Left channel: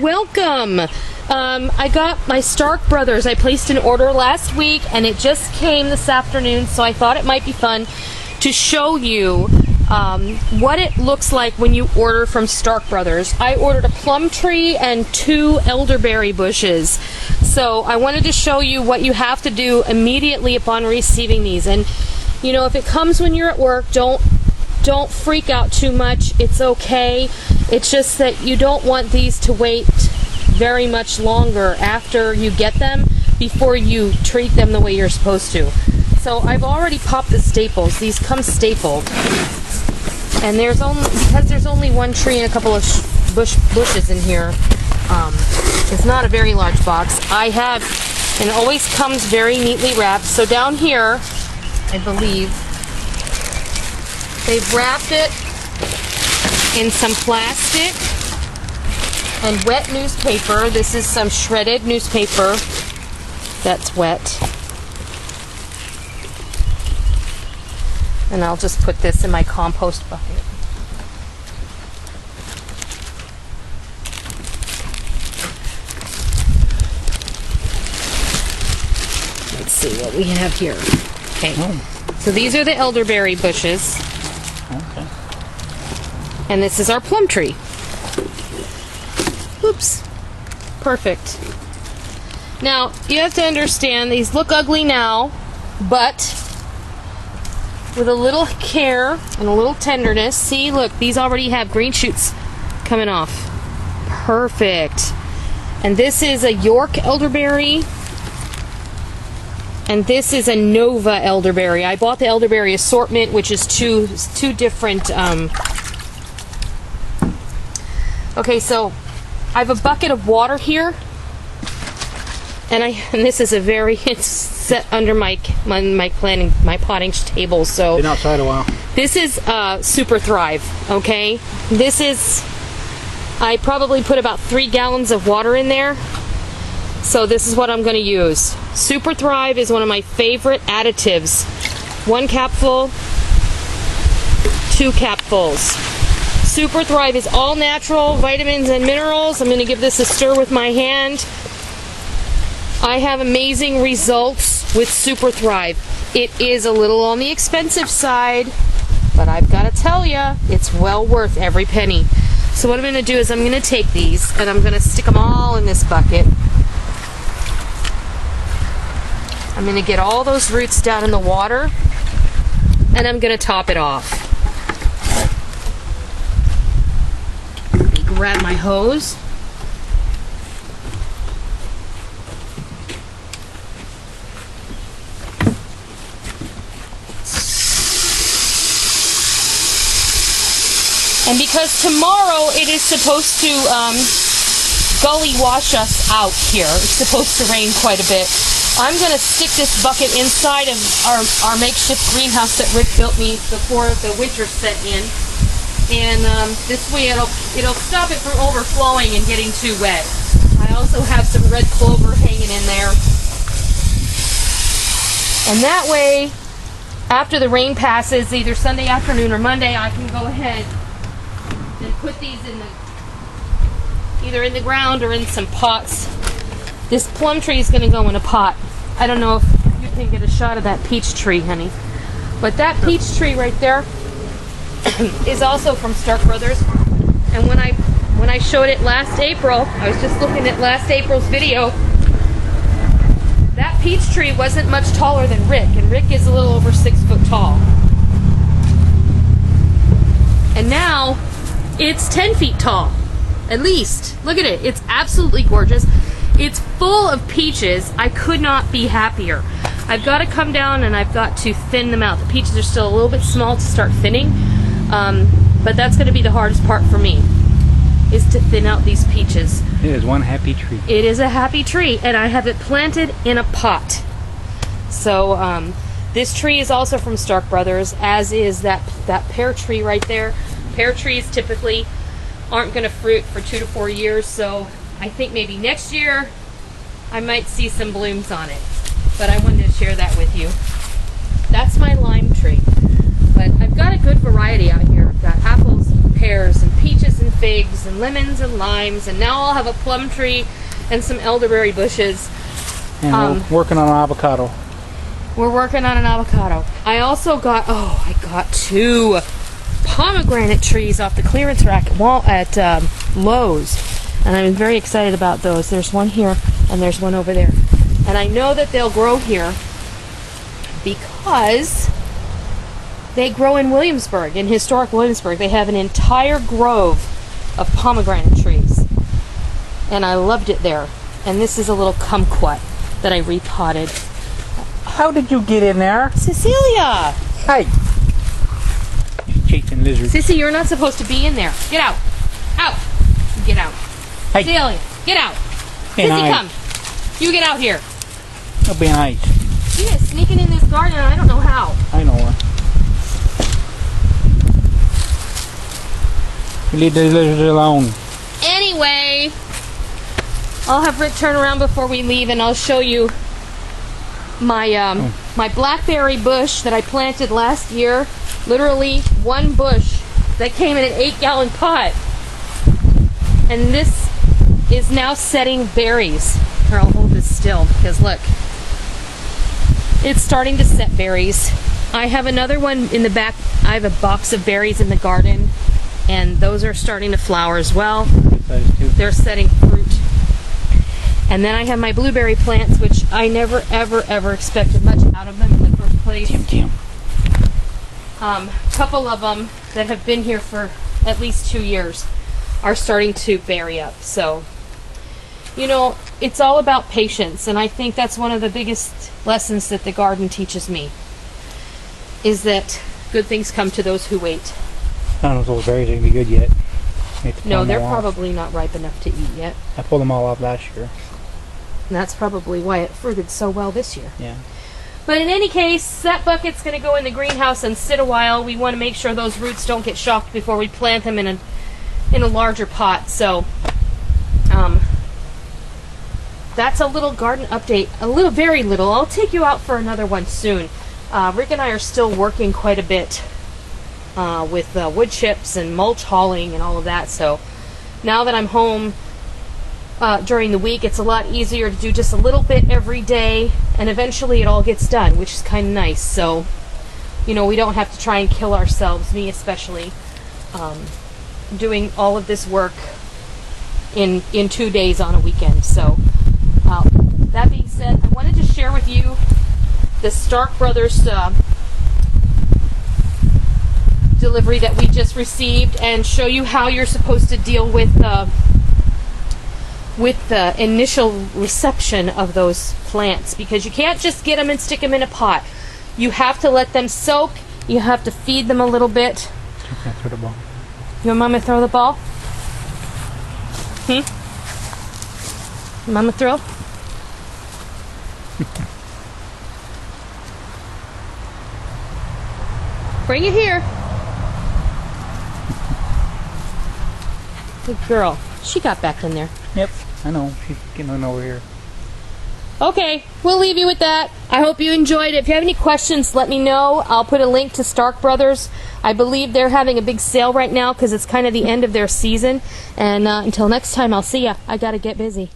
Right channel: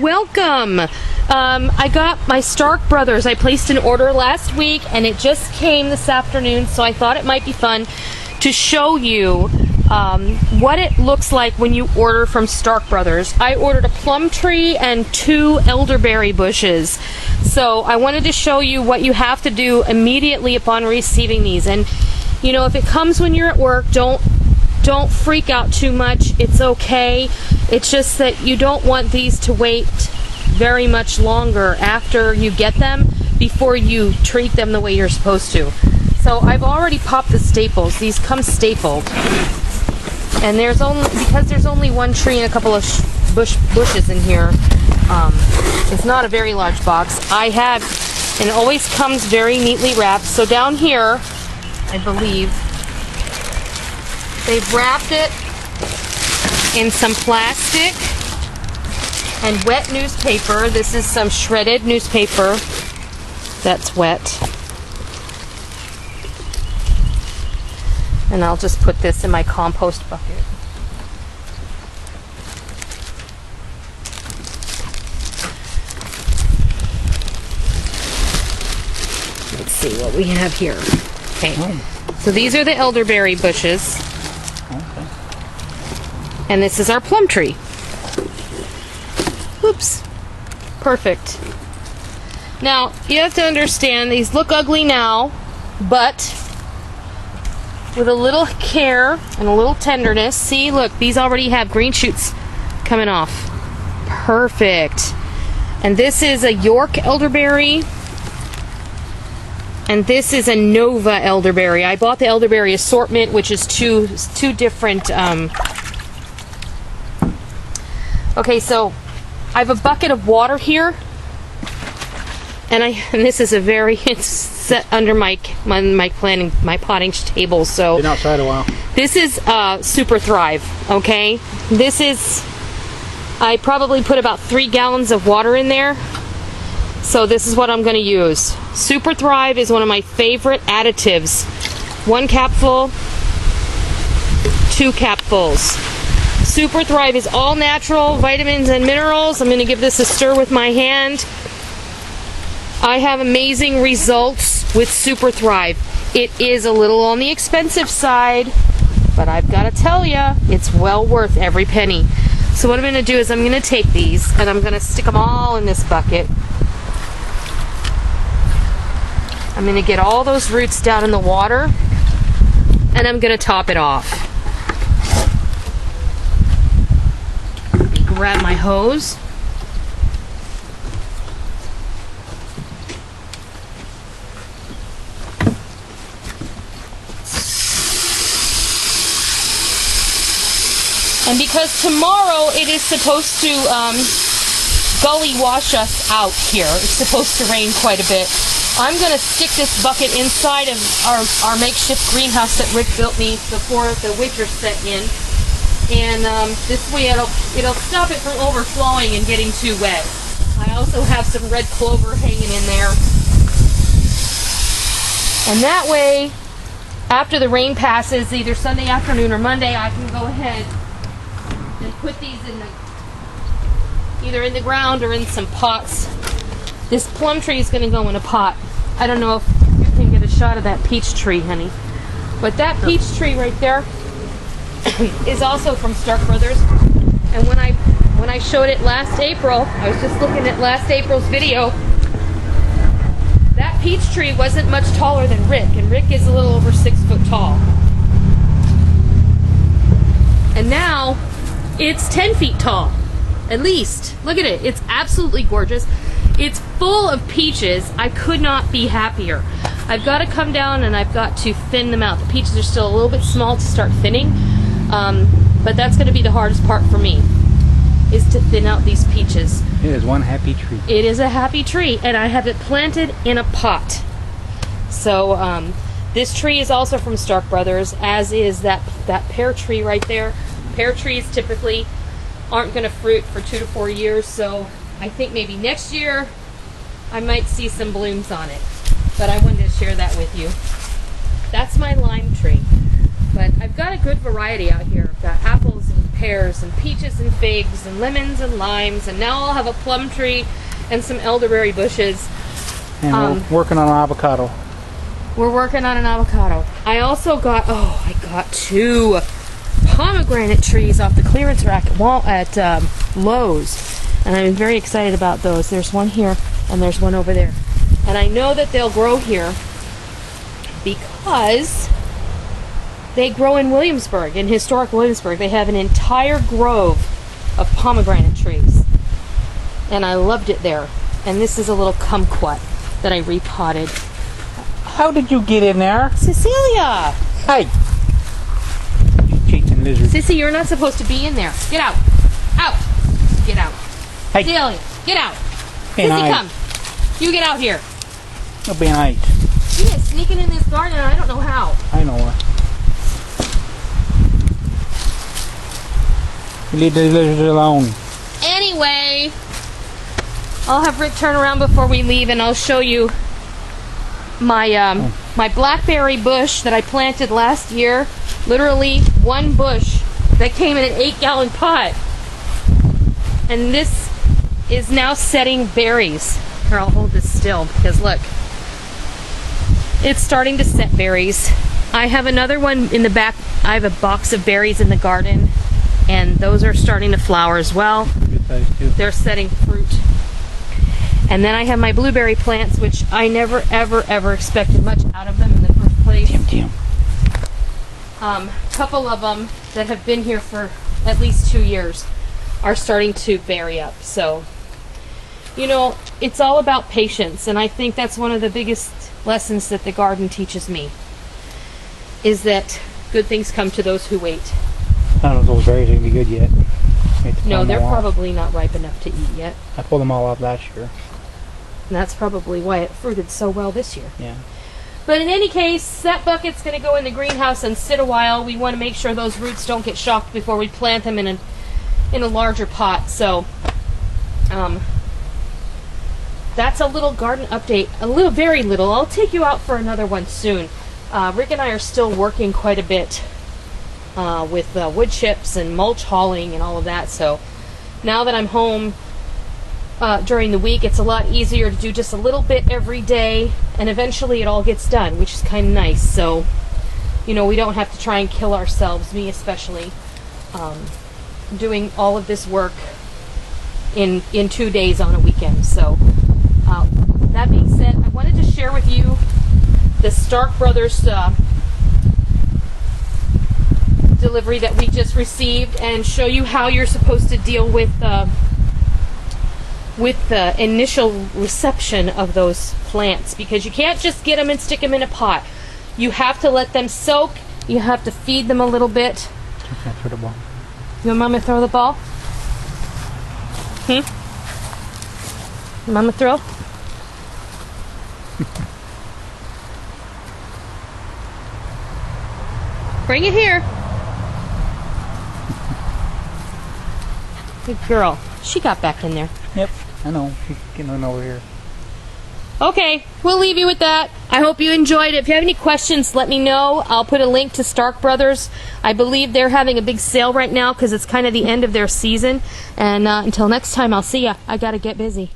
welcome. I got my Stark Brothers. I placed an order last week and it just came this afternoon, so I thought it might be fun to show you what it looks like when you order from Stark Brothers. I ordered a plum tree and 2 elderberry bushes. So I wanted to show you what you have to do immediately upon receiving these. And you know, if it comes when you're at work, don't freak out too much. It's okay. It's just that you don't want these to wait very much longer after you get them before you treat them the way you're supposed to. So I've already popped the staples. These come stapled. And because there's only one tree and a couple of bushes in here, it's not a very large box. And it always comes very neatly wrapped. So down here, I believe, they've wrapped it in some plastic and wet newspaper. This is some shredded newspaper that's wet. And I'll just put this in my compost bucket. Let's see what we have here. Okay, so these are the elderberry bushes. Okay. And this is our plum tree. Oops. Perfect. Now, you have to understand, these look ugly now, but with a little care and a little tenderness, see, look, these already have green shoots coming off. Perfect. And this is a York elderberry. And this is a Nova elderberry. I bought the elderberry assortment, which is two different. Okay, so I have a bucket of water here, and this is it's set under my potting table. So been outside a while. This is Super Thrive. Okay, I probably put about 3 gallons of water in there. So this is what I'm going to use. Super Thrive is one of my favorite additives. 1 capful, 2 capfuls. Super Thrive is all natural, vitamins and minerals. I'm going to give this a stir with my hand. I have amazing results with Super Thrive. It is a little on the expensive side, but I've got to tell you, it's well worth every penny. So what I'm going to do is I'm going to take these and I'm going to stick them all in this bucket. I'm going to get all those roots down in the water, and I'm going to top it off. Let me grab my hose. And because tomorrow it is supposed to gully wash us out here, it's supposed to rain quite a bit, I'm going to stick this bucket inside of our makeshift greenhouse that Rick built me before the winter set in. And this way it'll stop it from overflowing and getting too wet. I also have some red clover hanging in there. And that way, after the rain passes, either Sunday afternoon or Monday, I can go ahead and put these either in the ground or in some pots. This plum tree is going to go in a pot. I don't know if you can get a shot of that peach tree, honey. But that peach tree right there is also from Stark Brothers. And when I showed it last April, I was just looking at last April's video, that peach tree wasn't much taller than Rick, and Rick is a little over 6 foot tall. And now it's 10 feet tall, at least. Look at it. It's absolutely gorgeous. It's full of peaches. I could not be happier. I've got to come down and I've got to thin them out. The peaches are still a little bit small to start thinning, but that's going to be the hardest part for me, is to thin out these peaches. It is one happy tree. It is a happy tree, and I have it planted in a pot. So this tree is also from Stark Brothers, as is that pear tree right there. Pear trees typically aren't going to fruit for 2 to 4 years, so I think maybe next year I might see some blooms on it. But I wanted to share that with you. That's my lime tree. but I've got a good variety out here. I've got apples and pears and peaches and figs and lemons and limes, and now I'll have a plum tree and some elderberry bushes. And we're working on an avocado. We're working on an avocado. I also got, I got 2 pomegranate trees off the clearance rack at Lowe's, and I'm very excited about those. There's one here and there's one over there, and I know that they'll grow here because they grow in Williamsburg, in historic Williamsburg. They have an entire grove of pomegranate trees, and I loved it there. And this is a little kumquat that I repotted. How did you get in there? Cecilia! Hey! Cheating lizard. Sissy, you're not supposed to be in there. Get out! Out! Get out. Hey! Cecilia, get out! Hey, Sissy, come! You get out here! You'll be nice. She is sneaking in this garden and I don't know how. I know her. You leave the lizard alone. Anyway, I'll have Rick turn around before we leave and I'll show you my my blackberry bush that I planted last year. Literally one bush that came in an 8-gallon pot. And this is now setting berries. Here, I'll hold this still because look. It's starting to set berries. I have another one in the back. I have a box of berries in the garden, and those are starting to flower as well. They're setting fruit. And then I have my blueberry plants, which I never, ever, ever expected much out of them in the first place. A couple of them that have been here for at least 2 years are starting to berry up. So, you know, it's all about patience, and I think that's one of the biggest lessons that the garden teaches me, is that good things come to those who wait. I don't know if those berries are going to be good yet. No, they're probably not ripe enough to eat yet. I pulled them all off last year. And that's probably why it fruited so well this year. Yeah. But in any case, that bucket's going to go in the greenhouse and sit a while. We want to make sure those roots don't get shocked before we plant them in a larger pot. So, that's a little garden update. Very little. I'll take you out for another one soon. Rick and I are still working quite a bit with wood chips and mulch hauling and all of that. So now that I'm home during the week, it's a lot easier to do just a little bit every day, and eventually it all gets done, which is kind of nice. So, you know, we don't have to try and kill ourselves, me especially, doing all of this work in 2 days on a weekend. So that being said, I wanted to share with you the Stark Brothers delivery that we just received and show you how you're supposed to deal with the initial reception of those plants, because you can't just get them and stick them in a pot. You have to let them soak. You have to feed them a little bit. You can't throw the ball. You want Mama to throw the ball? Mama throw? Bring it here. Good girl. She got back in there. Yep, I know. She's getting on over here. Okay, we'll leave you with that. I hope you enjoyed it. If you have any questions, let me know. I'll put a link to Stark Brothers. I believe they're having a big sale right now because it's kind of the end of their season. And until next time, I'll see ya. I gotta get busy.